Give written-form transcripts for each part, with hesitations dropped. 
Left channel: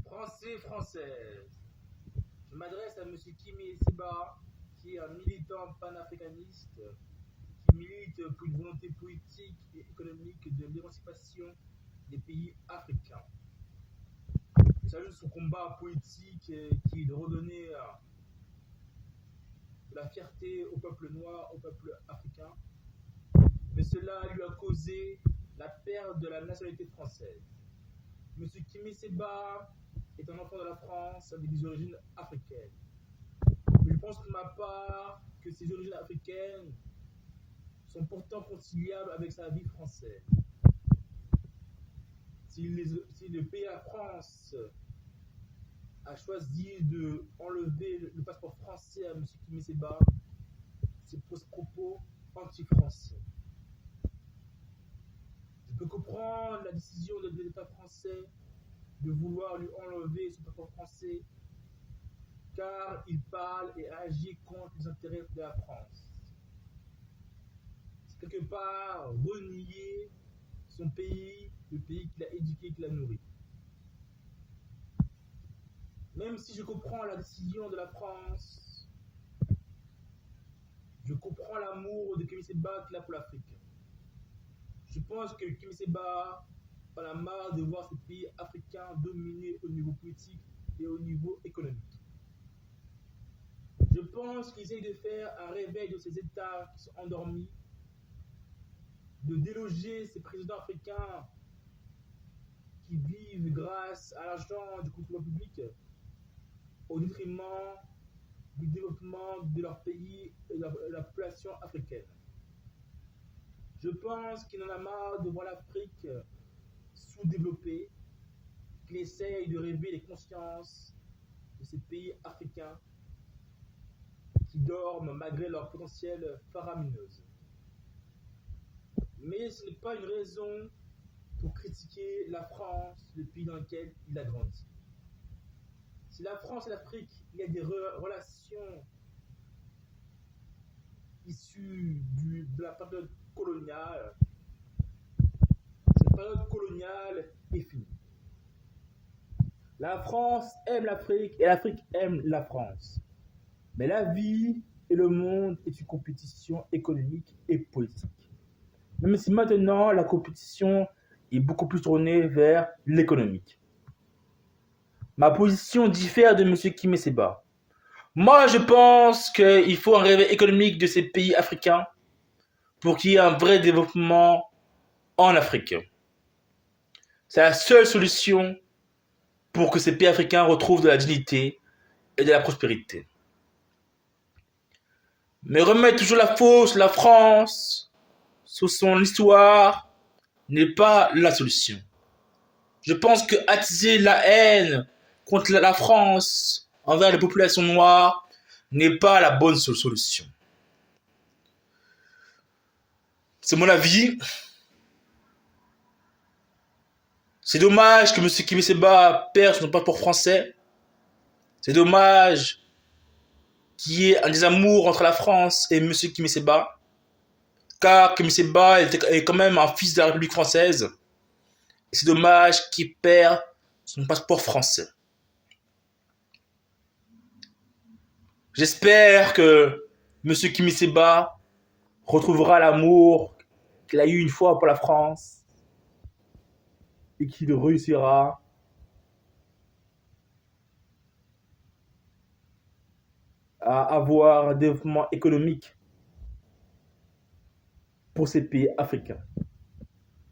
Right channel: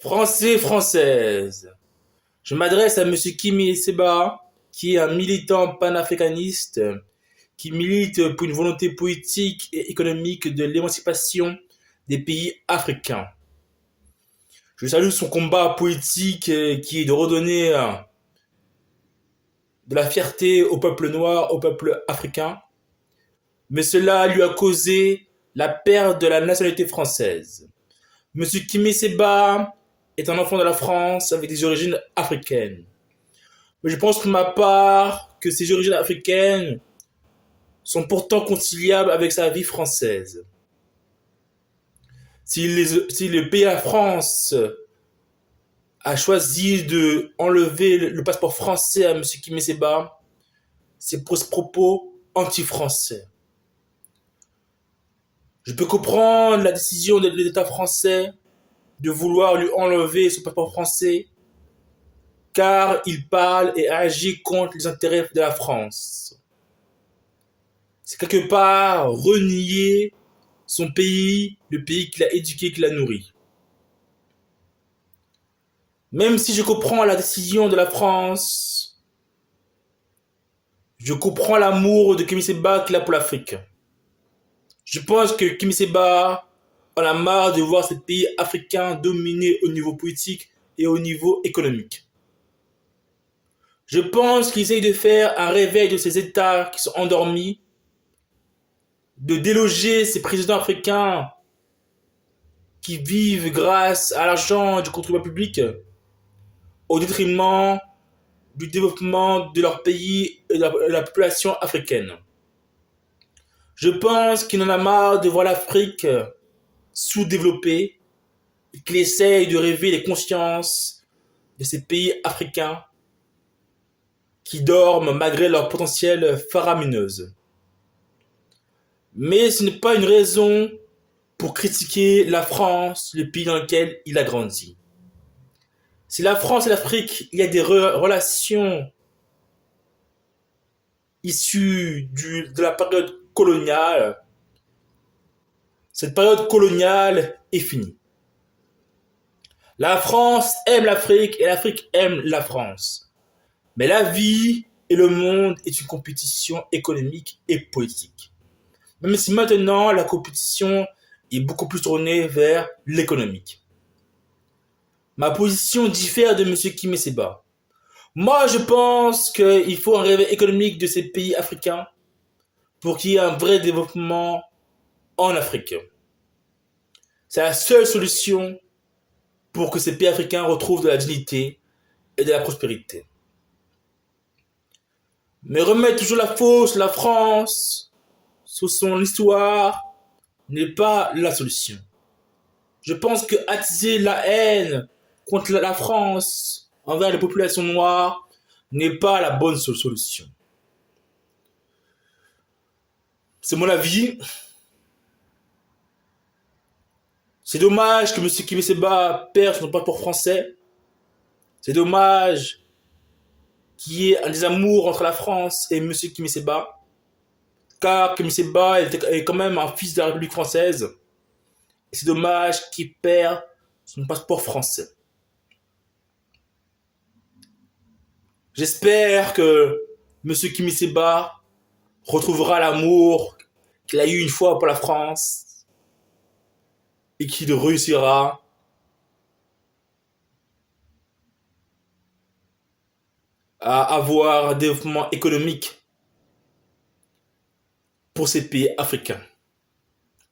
Français, Française, je m'adresse à Monsieur Kimi Seba, qui est un militant panafricaniste, qui milite pour une volonté politique et économique de l'émancipation des pays africains. Je salue son combat politique qui est de redonner de la fierté au peuple noir, au peuple africain, mais cela lui a causé la perte de la nationalité française. Monsieur Kimi Seba est un enfant de la France avec des origines africaines. Mais je pense pour ma part que ces origines africaines sont pourtant conciliables avec sa vie française. Si le pays à France a choisi de enlever le passeport français à M. Kimi Seba, c'est pour ce propos anti-français. Je peux comprendre la décision de l'État français de vouloir lui enlever son passeport français, car il parle et agit contre les intérêts de la France. C'est quelque part renier son pays, le pays qu'il a éduqué, qu'il a nourri. Même si je comprends la décision de la France, je comprends l'amour de Kimi Seba qu'il a pour l'Afrique. Je pense que Kimi Seba en a marre de voir ces pays africains dominés au niveau politique et au niveau économique. Je pense qu'il essaye de faire un réveil de ces États qui sont endormis, de déloger ces présidents africains qui vivent grâce à l'argent du contribuable public au détriment du développement de leur pays et de la population africaine. Je pense qu'il en a marre de voir l'Afrique sous-développée et qu'il essaye de réveiller les consciences de ces pays africains qui dorment malgré leur potentiel faramineuse. Mais ce n'est pas une raison pour critiquer la France, le pays dans lequel il a grandi. Si la France et l'Afrique, il y a des relations issues de la période coloniale, cette période coloniale est finie. La France aime l'Afrique et l'Afrique aime la France. Mais la vie et le monde est une compétition économique et politique. Même si maintenant la compétition est beaucoup plus tournée vers l'économique. Ma position diffère de M. Kimi Seba. Moi, je pense qu'il faut un réveil économique de ces pays africains pour qu'il y ait un vrai développement en Afrique. C'est la seule solution pour que ces pays africains retrouvent de la dignité et de la prospérité. Mais remettre toujours la faute sur la France, sur son histoire, n'est pas la solution. Je pense que attiser la haine contre la France envers les populations noires n'est pas la bonne solution. C'est mon avis. C'est dommage que M. Kimi Seba perde son passeport français. C'est dommage qu'il y ait un désamour entre la France et M. Kimi Seba. Car Kimi Seba est quand même un fils de la République française. Et c'est dommage qu'il perd son passeport français. J'espère que M. Kimi Seba retrouvera l'amour qu'il a eu une fois pour la France et qu'il réussira à avoir un développement économique pour ces pays africains.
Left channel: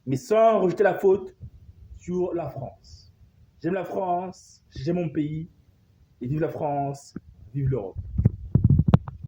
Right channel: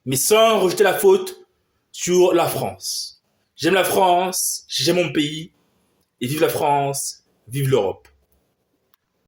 Mais sans rejeter la faute sur la France. J'aime la France, j'aime mon pays, et vive la France, vive l'Europe.